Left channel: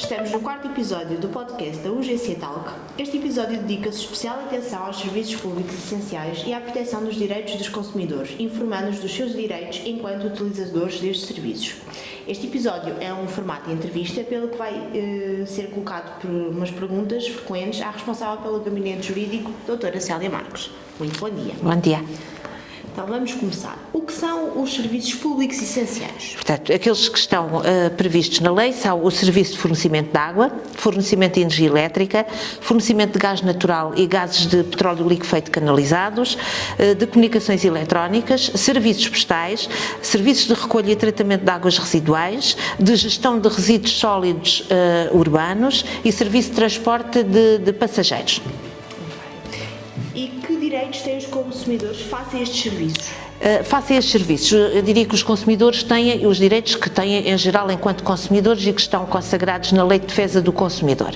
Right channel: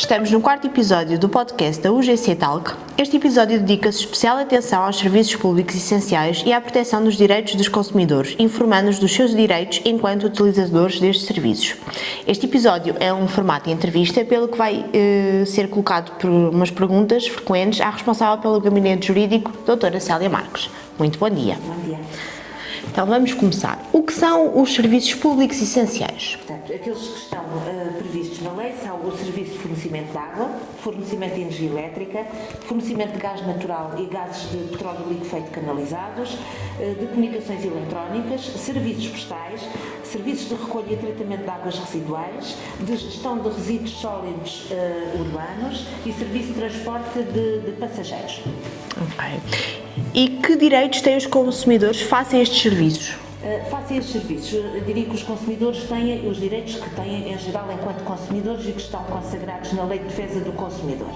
Estamos no quarto episódio do podcast da UGC Talk. Este episódio dedica-se especial atenção aos serviços públicos essenciais e à proteção dos direitos dos consumidores, informando-os dos seus direitos enquanto utilizadores destes serviços. Este episódio é um formato de entrevista, pelo que vai ser colocado por umas perguntas frequentes à responsável pelo Gabinete Jurídico, doutora Célia Marques. Muito bom dia. Bom dia. Então vamos começar. O que são os serviços públicos essenciais? Portanto, aqueles que estão previstos na lei são o serviço de fornecimento de água, fornecimento de energia elétrica, fornecimento de gás natural e gases de petróleo liquefeito canalizados, de comunicações eletrónicas, serviços postais, serviços de recolha e tratamento de águas residuais, de gestão de resíduos sólidos urbanos e serviço de transporte de passageiros. E que direitos têm os consumidores face a estes serviços? Face a estes serviços, eu diria que os consumidores têm os direitos que têm em geral enquanto consumidores e que estão consagrados na Lei de Defesa do Consumidor.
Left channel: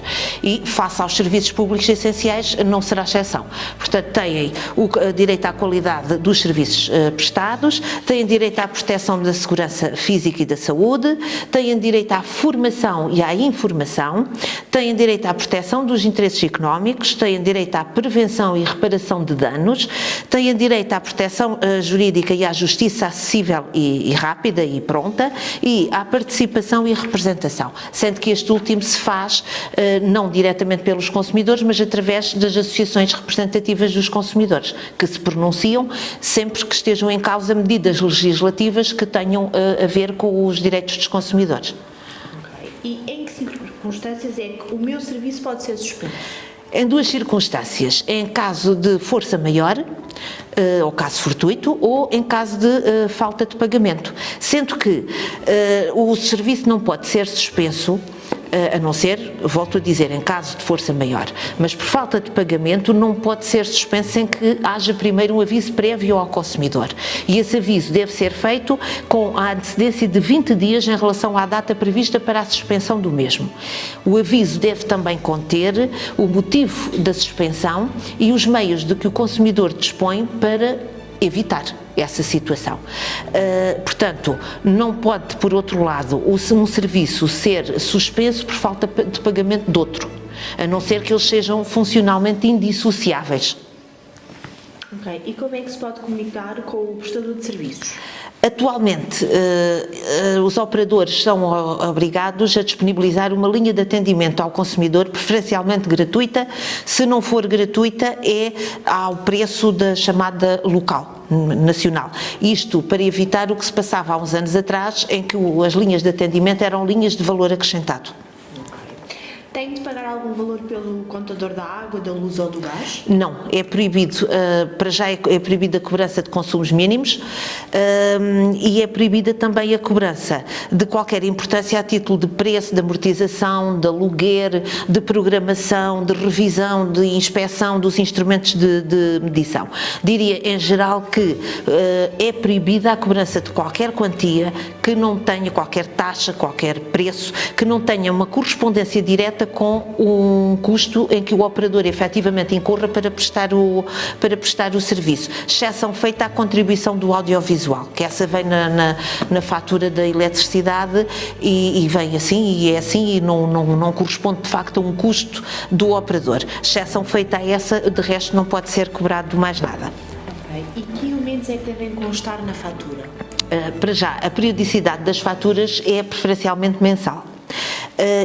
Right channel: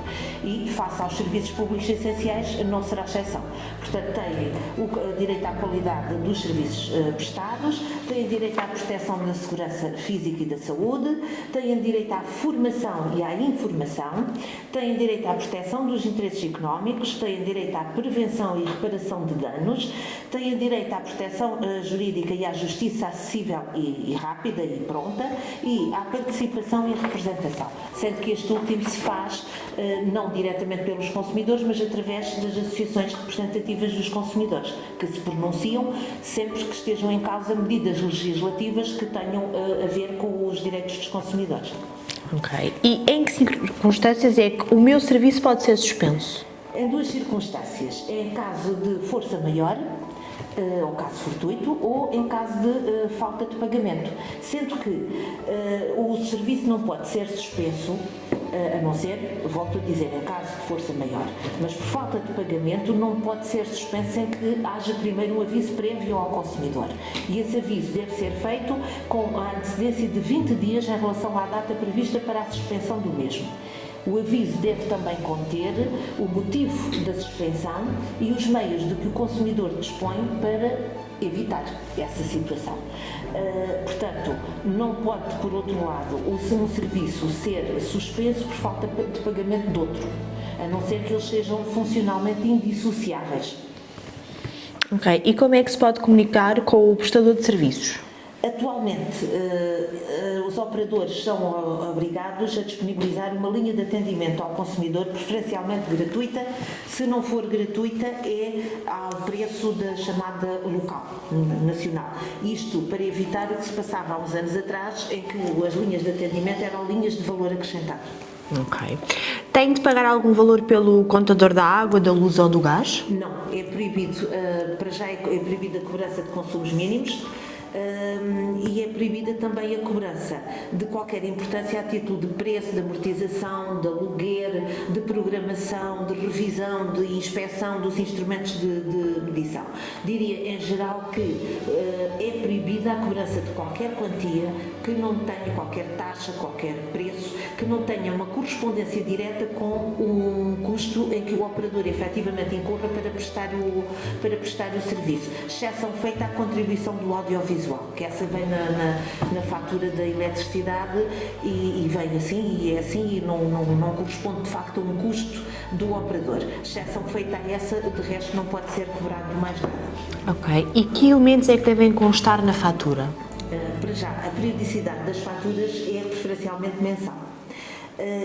E face aos serviços públicos essenciais não será exceção. Portanto, têm o direito à qualidade dos serviços prestados, têm direito à proteção da segurança física e da saúde, têm direito à formação e à informação, têm direito à proteção dos interesses económicos, têm direito à prevenção e reparação de danos, têm direito à proteção jurídica e à justiça acessível e rápida e pronta e à participação e representação, sendo que este último se faz não diretamente pelos consumidores, mas através das associações representativas dos consumidores, que se pronunciam sempre que estejam em causa medidas legislativas que tenham a ver com os direitos dos consumidores. Ok. E em que circunstâncias é que o meu serviço pode ser suspenso? Em duas circunstâncias, em caso de força maior, ou caso fortuito, ou em caso de falta de pagamento, sendo que o serviço não pode ser suspenso, a não ser, volto a dizer, em caso de força maior, mas por falta de pagamento não pode ser suspenso sem que haja primeiro um aviso prévio ao consumidor. E esse aviso deve ser feito com a antecedência de 20 dias em relação à data prevista para a suspensão do mesmo. O aviso deve também conter o motivo da suspensão e os meios de que o consumidor dispõe para evitar essa situação. Portanto, não pode, por outro lado, um serviço ser suspenso por falta de pagamento de outro, a não ser que eles sejam funcionalmente indissociáveis. Ok. E como é que se pode comunicar com o prestador de serviços? Atualmente, os operadores são obrigados a disponibilizar uma linha de atendimento ao consumidor, preferencialmente gratuita. Se não for gratuita, é ao preço da chamada local, nacional. Isto para evitar o que se passava há uns anos atrás, em que as linhas de atendimento eram linhas de valor acrescentado. Ok. Tem de pagar algum valor pelo contador da água, da luz ou do gás? Não, é proibido, para já é proibida a cobrança de consumos mínimos e é proibida também a cobrança de qualquer importância a título de preço, de amortização, de aluguer, de programação, de revisão, de inspeção dos instrumentos de medição. Diria em geral que é proibida a cobrança de qualquer quantia que não tenha qualquer taxa, qualquer preço, que não tenha uma correspondência direta com um custo em que o operador efetivamente incorra para prestar o serviço. Exceção feita à contribuição do audiovisual, que essa vem na fatura da eletricidade e vem assim, e é assim, e não corresponde de facto a um custo do operador. Exceção feita a essa, de resto não pode ser cobrado mais nada. Ok. E que elementos é que devem constar na fatura? Para já, a periodicidade das faturas é preferencialmente mensal.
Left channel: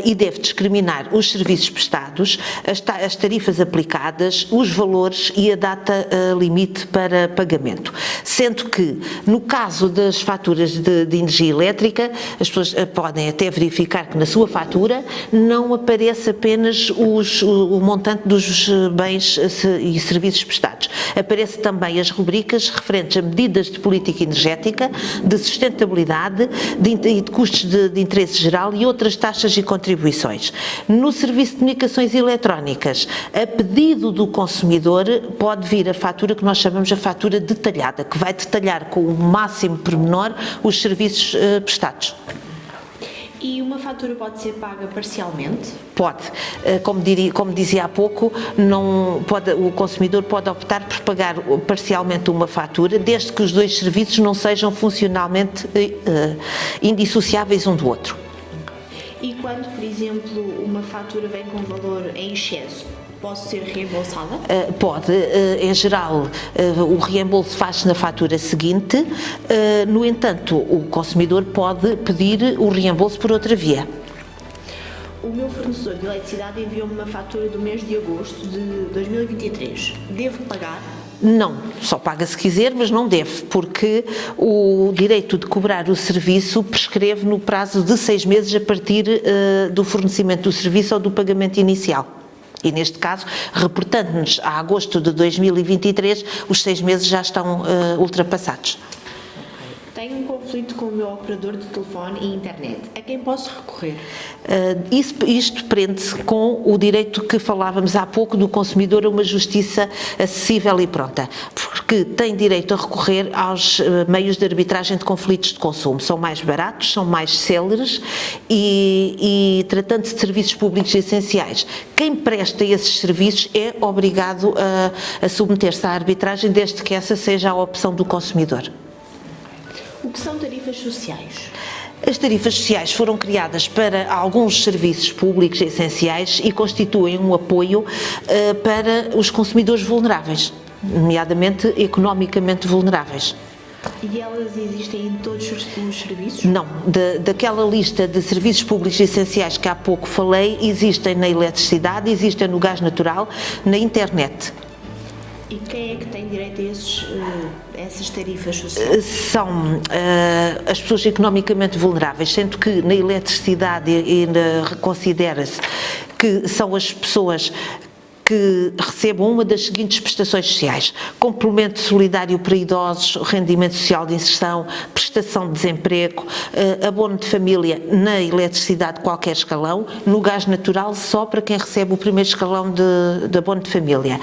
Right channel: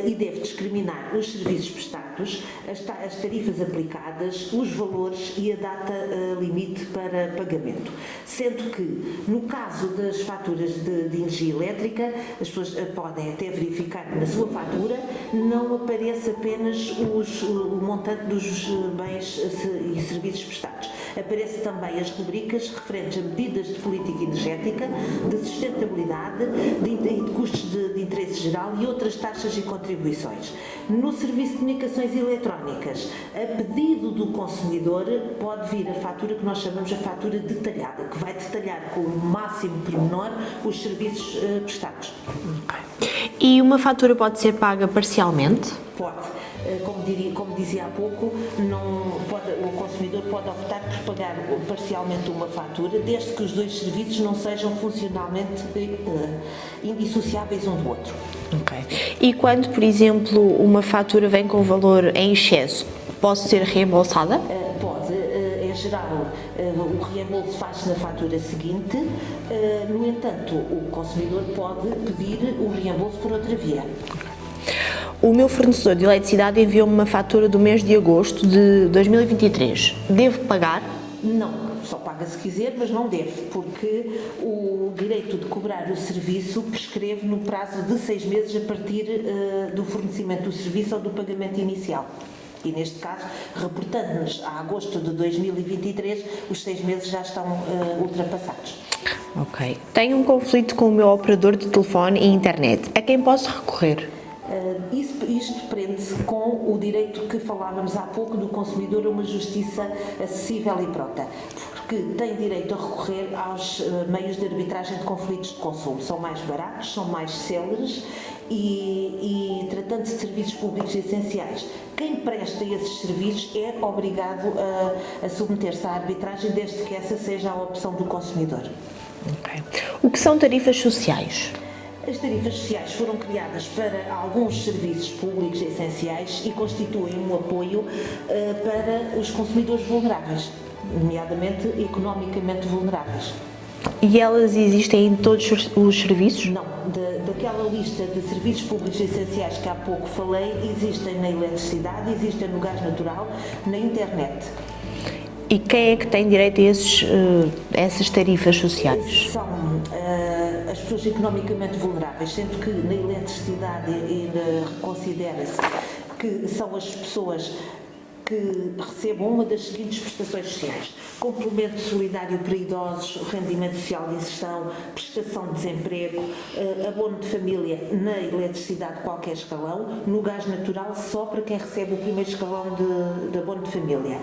E deve discriminar os serviços prestados, as tarifas aplicadas, os valores e a data limite para pagamento. Sendo que, no caso das faturas de energia elétrica, as pessoas podem até verificar que na sua fatura não aparece apenas o montante dos bens e serviços prestados. Aparece também as rubricas referentes a medidas de política energética, de sustentabilidade e de custos de interesse geral e outras taxas e contribuições. No serviço de comunicações eletrónicas, a pedido do consumidor, pode vir a fatura que nós chamamos a fatura detalhada, que vai detalhar com o máximo pormenor os serviços prestados. E uma fatura pode ser paga parcialmente? Pode. Como dizia há pouco, o consumidor pode optar por pagar parcialmente uma fatura, desde que os dois serviços não sejam funcionalmente indissociáveis um do outro. Ok. E quando, por exemplo, uma fatura vem com valor em excesso, pode ser reembolsada? Pode, em geral, o reembolso faz-se na fatura seguinte, no entanto, o consumidor pode pedir o reembolso por outra via. O meu fornecedor de eletricidade enviou-me uma fatura do mês de agosto de 2023. Devo pagar? Não, só paga se quiser, mas não deve, porque o direito de cobrar o serviço prescreve no prazo de 6 meses a partir do fornecimento do serviço ou do pagamento inicial. E neste caso, reportando-nos a agosto de 2023, os 6 meses já estão ultrapassados. Ok. Tenho um conflito com o meu operador de telefone e internet. A quem posso recorrer? Isto prende-se com o direito que falávamos há pouco do consumidor a uma justiça acessível e pronta, porque tem direito a recorrer aos meios de arbitragem de conflitos de consumo. São mais baratos, são mais céleres e tratando-se de serviços públicos essenciais, quem presta esses serviços é obrigado a submeter-se à arbitragem, desde que essa seja a opção do consumidor. Okay. O que são tarifas sociais? As tarifas sociais foram criadas para alguns serviços públicos essenciais e constituem um apoio para os consumidores vulneráveis, nomeadamente economicamente vulneráveis. E elas existem em todos os serviços? Não, daquela lista de serviços públicos essenciais que há pouco falei, existem na eletricidade, existem no gás natural, na internet. E quem é que tem direito a essas tarifas sociais? São as pessoas economicamente vulneráveis, sendo que na eletricidade considera-se que são as pessoas que recebam uma das seguintes prestações sociais: complemento solidário para idosos, rendimento social de inserção, prestação de desemprego, abono de família na eletricidade de qualquer escalão, no gás natural só para quem recebe o primeiro escalão de abono de família,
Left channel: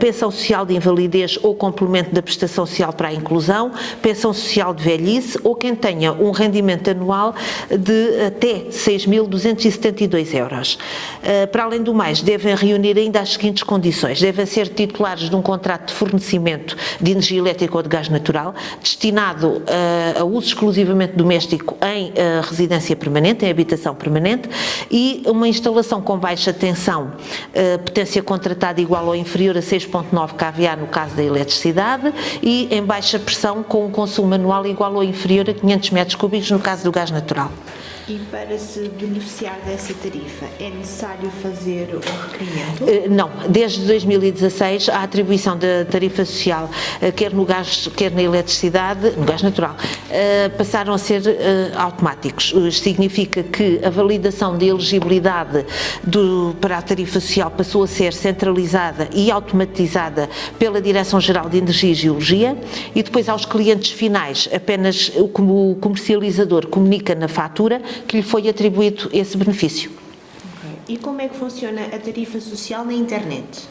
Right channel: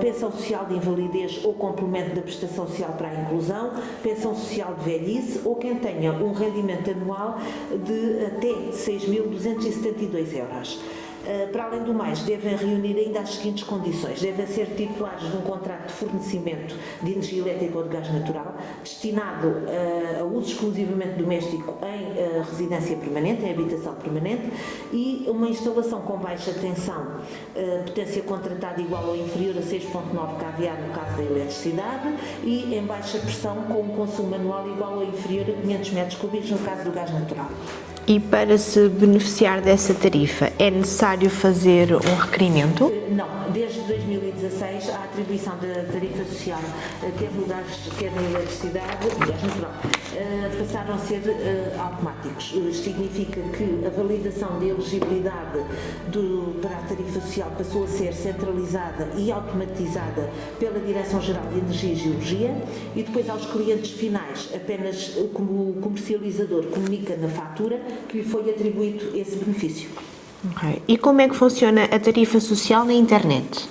pensão social de invalidez ou complemento da prestação social para a inclusão, pensão social de velhice ou quem tenha um rendimento anual de até 6.272 euros. Para além do mais, devem reunir ainda as seguintes condições: devem ser titulares de um contrato de fornecimento de energia elétrica ou de gás natural, destinado a uso exclusivamente doméstico em residência permanente, em habitação permanente, e uma instalação com baixa tensão, potência contratada igual ou inferior a 6,9 kVA no caso da eletricidade, e em baixa pressão com um consumo anual igual ou inferior a 500 metros cúbicos no caso do gás natural. E para se beneficiar dessa tarifa, é necessário fazer um requerimento? Não, desde 2016 a atribuição da tarifa social, quer no gás, quer na eletricidade, no gás natural, passaram a ser automáticos. Significa que a validação de elegibilidade para a tarifa social passou a ser centralizada e automatizada pela Direção-Geral de Energia e Geologia, e depois aos clientes finais apenas o comercializador comunica na fatura que lhe foi atribuído esse benefício. Okay. E como é que funciona a tarifa social na internet?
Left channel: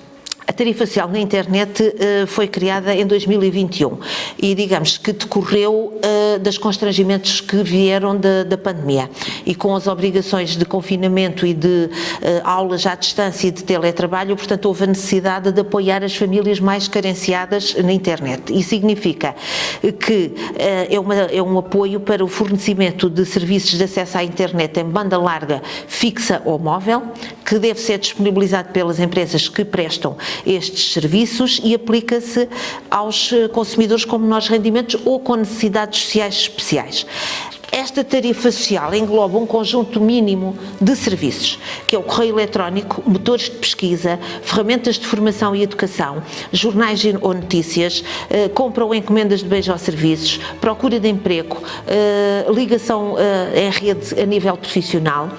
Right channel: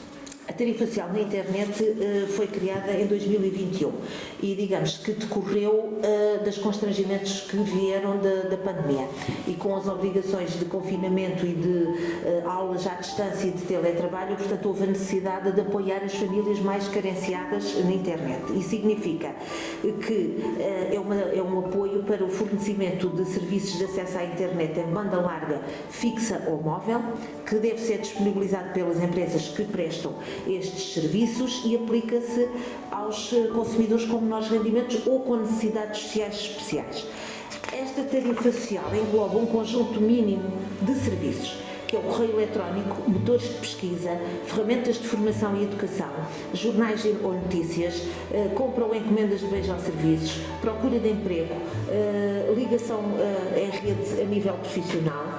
A tarifa social na internet foi criada em 2021 e digamos que decorreu dos constrangimentos que vieram da pandemia, e com as obrigações de confinamento e de aulas à distância e de teletrabalho, portanto houve a necessidade de apoiar as famílias mais carenciadas na internet. E significa que é um apoio para o fornecimento de serviços de acesso à internet em banda larga fixa ou móvel, que deve ser disponibilizado pelas empresas que prestam estes serviços e aplica-se aos consumidores com menores rendimentos ou com necessidades sociais especiais. Esta tarifa social engloba um conjunto mínimo de serviços, que é o correio eletrónico, motores de pesquisa, ferramentas de formação e educação, jornais ou notícias, compra ou encomendas de bens ou serviços, procura de emprego, ligação em rede a nível profissional,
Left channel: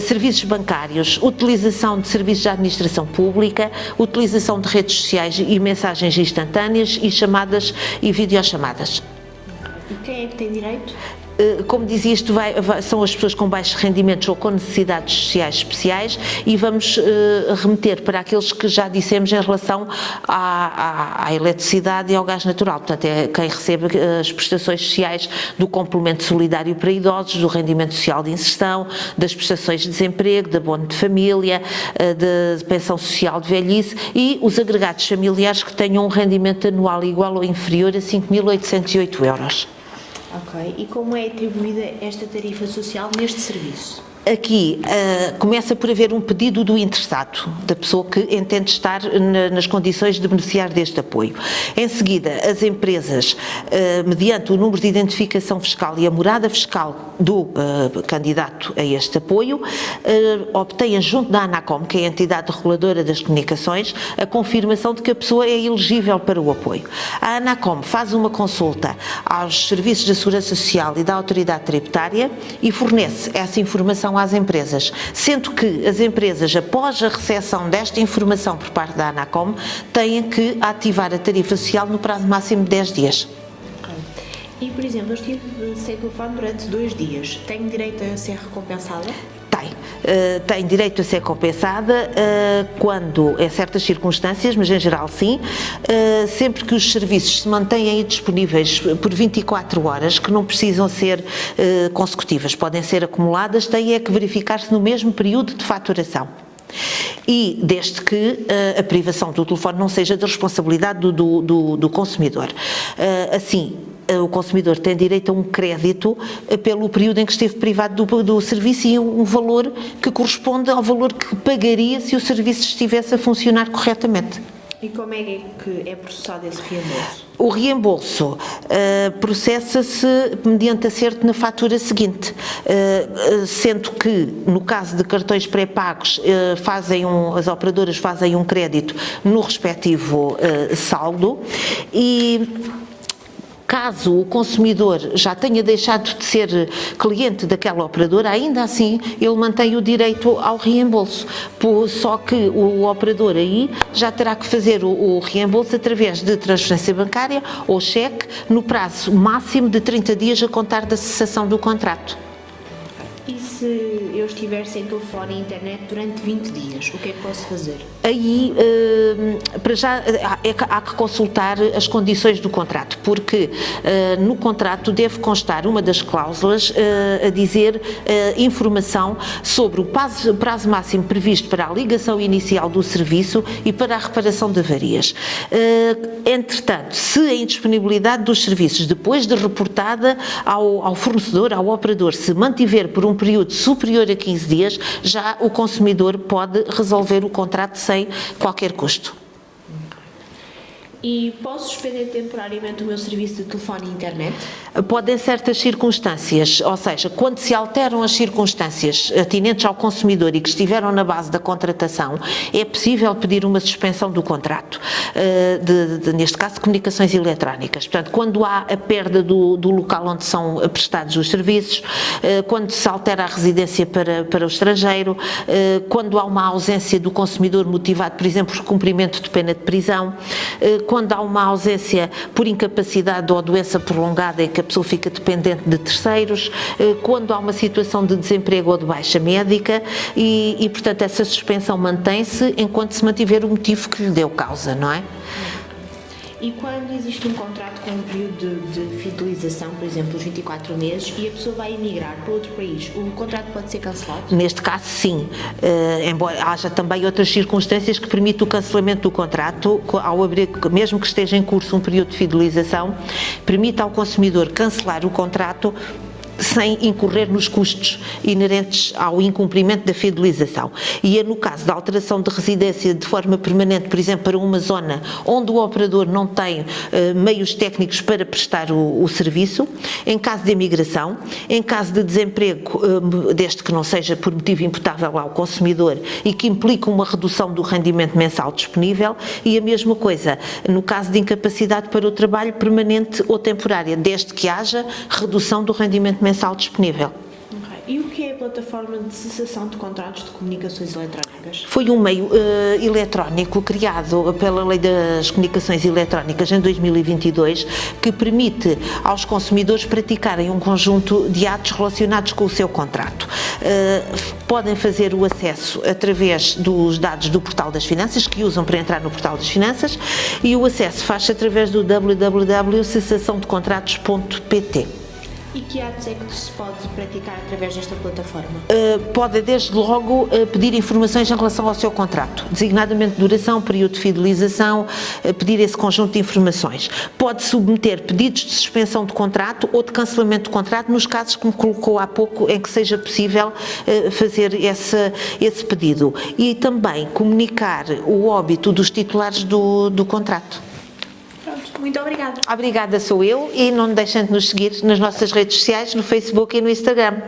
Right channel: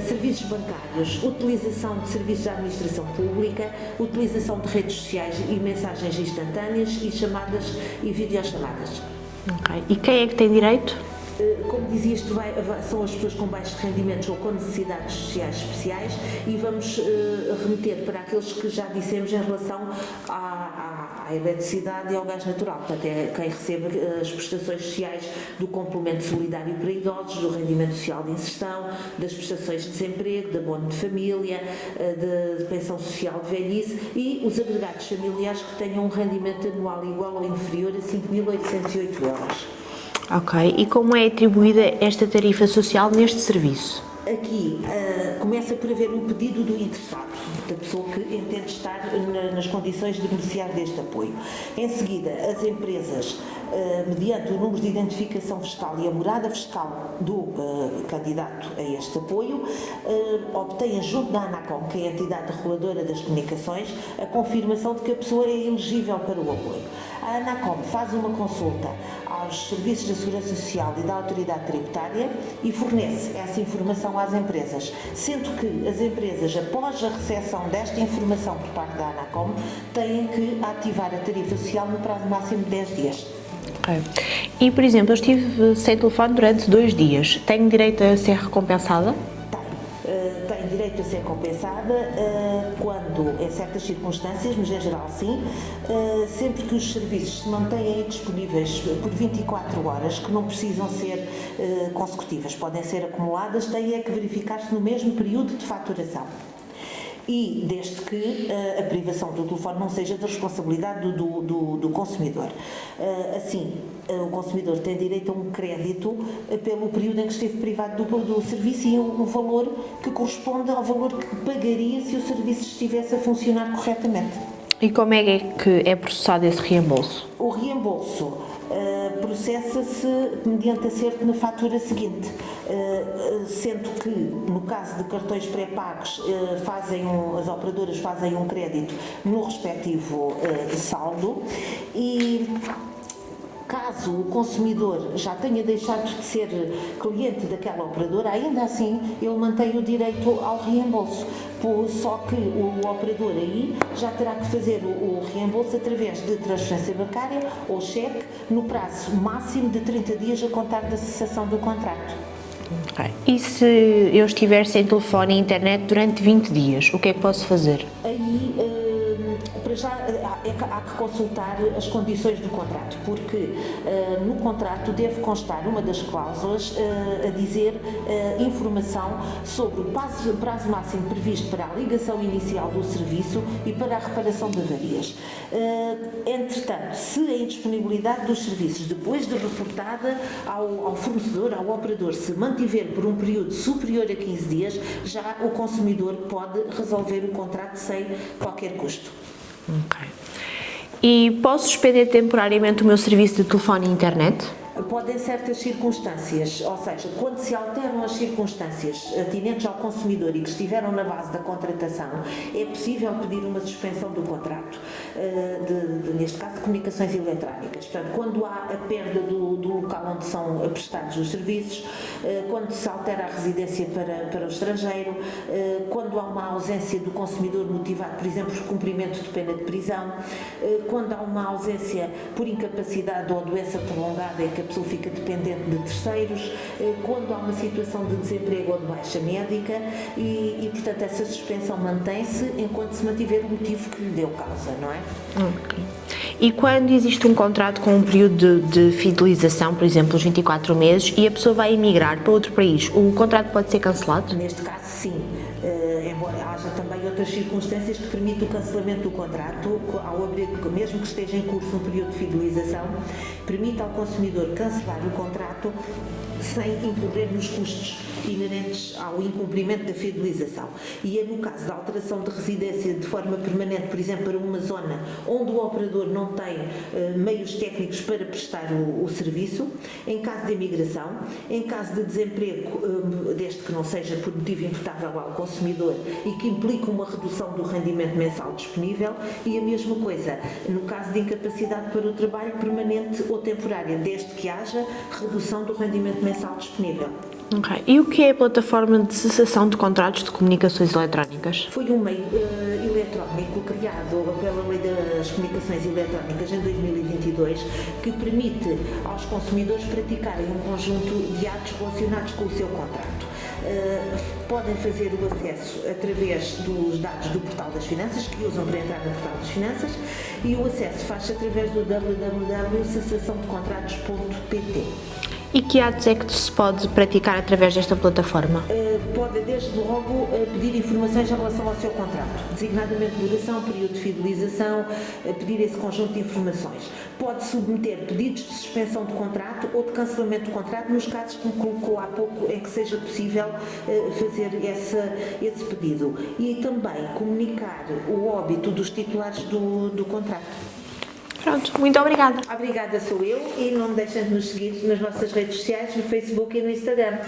serviços bancários, utilização de serviços de administração pública, utilização de redes sociais e mensagens instantâneas e chamadas e videochamadas. Okay. E quem é que tem direito? Como dizia, isto são as pessoas com baixos rendimentos ou com necessidades sociais especiais, e vamos remeter para aqueles que já dissemos em relação à eletricidade e ao gás natural. Portanto, é quem recebe as prestações sociais do complemento solidário para idosos, do rendimento social de inserção, das prestações de desemprego, de abono de família, de pensão social de velhice, e os agregados familiares que tenham um rendimento anual igual ou inferior a 5.808 euros. Ok, e como é atribuída esta tarifa social neste serviço? Aqui começa por haver um pedido do interessado, da pessoa que entende estar nas condições de beneficiar deste apoio. Em seguida, as empresas, mediante o número de identificação fiscal e a morada fiscal do candidato a este apoio, obtêm junto da ANACOM, que é a entidade reguladora das comunicações, a confirmação de que a pessoa é elegível para o apoio. A ANACOM faz uma consulta aos serviços da Segurança Social e da Autoridade Tributária e fornece essa informação às empresas, sendo que as empresas, após a recepção desta informação por parte da ANACOM, têm que ativar a tarifa social no prazo máximo de 10 dias. Okay. E, por exemplo, eu estive sem telefone durante 2 dias. Tenho direito a ser recompensada? Tem direito a ser compensada quando, em certas circunstâncias, mas em geral sim, sempre que os serviços se mantêm disponíveis por 24 horas, que não precisam ser consecutivas, podem ser acumuladas, tem é que verificar-se no mesmo período de faturação. E desde que a privação do telefone não seja da responsabilidade do consumidor. Assim, o consumidor tem direito a um crédito pelo período em que esteve privado do serviço e um valor que corresponde ao valor que pagaria se o serviço estivesse a funcionar corretamente. E como é que é processado esse reembolso? O reembolso processa-se mediante acerto na fatura seguinte, sendo que, no caso de cartões pré-pagos, as operadoras fazem um crédito no respectivo saldo e, caso o consumidor já tenha deixado de ser cliente daquela operadora, ainda assim ele mantém o direito ao reembolso, só que o operador aí já terá que fazer o reembolso através de transferência bancária ou cheque no prazo máximo de 30 dias a contar da cessação do contrato. E se eu estiver sem telefone e internet durante 20 dias, o que é que posso fazer? Aí, para já, há que consultar as condições do contrato, porque no contrato deve constar uma das cláusulas a dizer informação sobre o prazo máximo previsto para a ligação inicial do serviço e para a reparação de avarias. Entretanto, se a indisponibilidade dos serviços, depois de reportada ao fornecedor, ao operador, se mantiver por um período superior a 15 dias, já o consumidor pode resolver o contrato sem qualquer custo. Okay. E posso suspender temporariamente o meu serviço de telefone e internet? Podem certas circunstâncias, ou seja, quando se alteram as circunstâncias atinentes ao consumidor e que estiveram na base da contratação, é possível pedir uma suspensão do contrato, neste caso de comunicações eletrónicas. Portanto, quando há a perda do local onde são prestados os serviços, quando se altera a residência para o estrangeiro, quando há uma ausência do consumidor motivado, por exemplo, por cumprimento de pena de prisão, quando há uma ausência por incapacidade ou doença prolongada em que a pessoa fica dependente de terceiros, quando há uma situação de desemprego ou de baixa médica e portanto, essa suspensão mantém-se enquanto se mantiver o motivo que lhe deu causa, não é? Okay. E quando existe um contrato com um período de fidelização, por exemplo, os 24 meses, e a pessoa vai emigrar para outro país, o contrato pode ser cancelado? Neste caso, sim. Embora haja também outras circunstâncias que permitem o cancelamento do contrato, ao abrir, mesmo que esteja em curso um período de fidelização, permite ao consumidor cancelar o contrato sem incorrer nos custos inerentes ao incumprimento da fidelização. E é no caso da alteração de residência de forma permanente, por exemplo, para uma zona onde o operador não tem meios técnicos para prestar o serviço, em caso de imigração, em caso de desemprego, desde que não seja por motivo imputável ao consumidor e que implica uma redução do rendimento mensal disponível, e a mesma coisa no caso de incapacidade para o trabalho permanente ou temporária, desde que haja redução do rendimento mensal disponível. Okay. E o que é a plataforma de cessação de contratos de comunicações eletrónicas? Foi um meio eletrónico criado pela Lei das Comunicações Eletrónicas em 2022 que permite aos consumidores praticarem um conjunto de atos relacionados com o seu contrato. Podem fazer o acesso através dos dados do Portal das Finanças, que usam para entrar no Portal das Finanças, e o acesso faz-se através do www.cessaçãodecontratos.pt. E que atos é que se pode praticar através desta plataforma? Pode desde logo pedir informações em relação ao seu contrato, designadamente duração, período de fidelização, pedir esse conjunto de informações. Pode submeter pedidos de suspensão de contrato ou de cancelamento de contrato nos casos que me colocou há pouco em que seja possível fazer esse pedido. E também comunicar o óbito dos titulares do contrato. Pronto, muito obrigada. Obrigada, sou eu, e não deixem de nos seguir nas nossas redes sociais, no Facebook e no Instagram.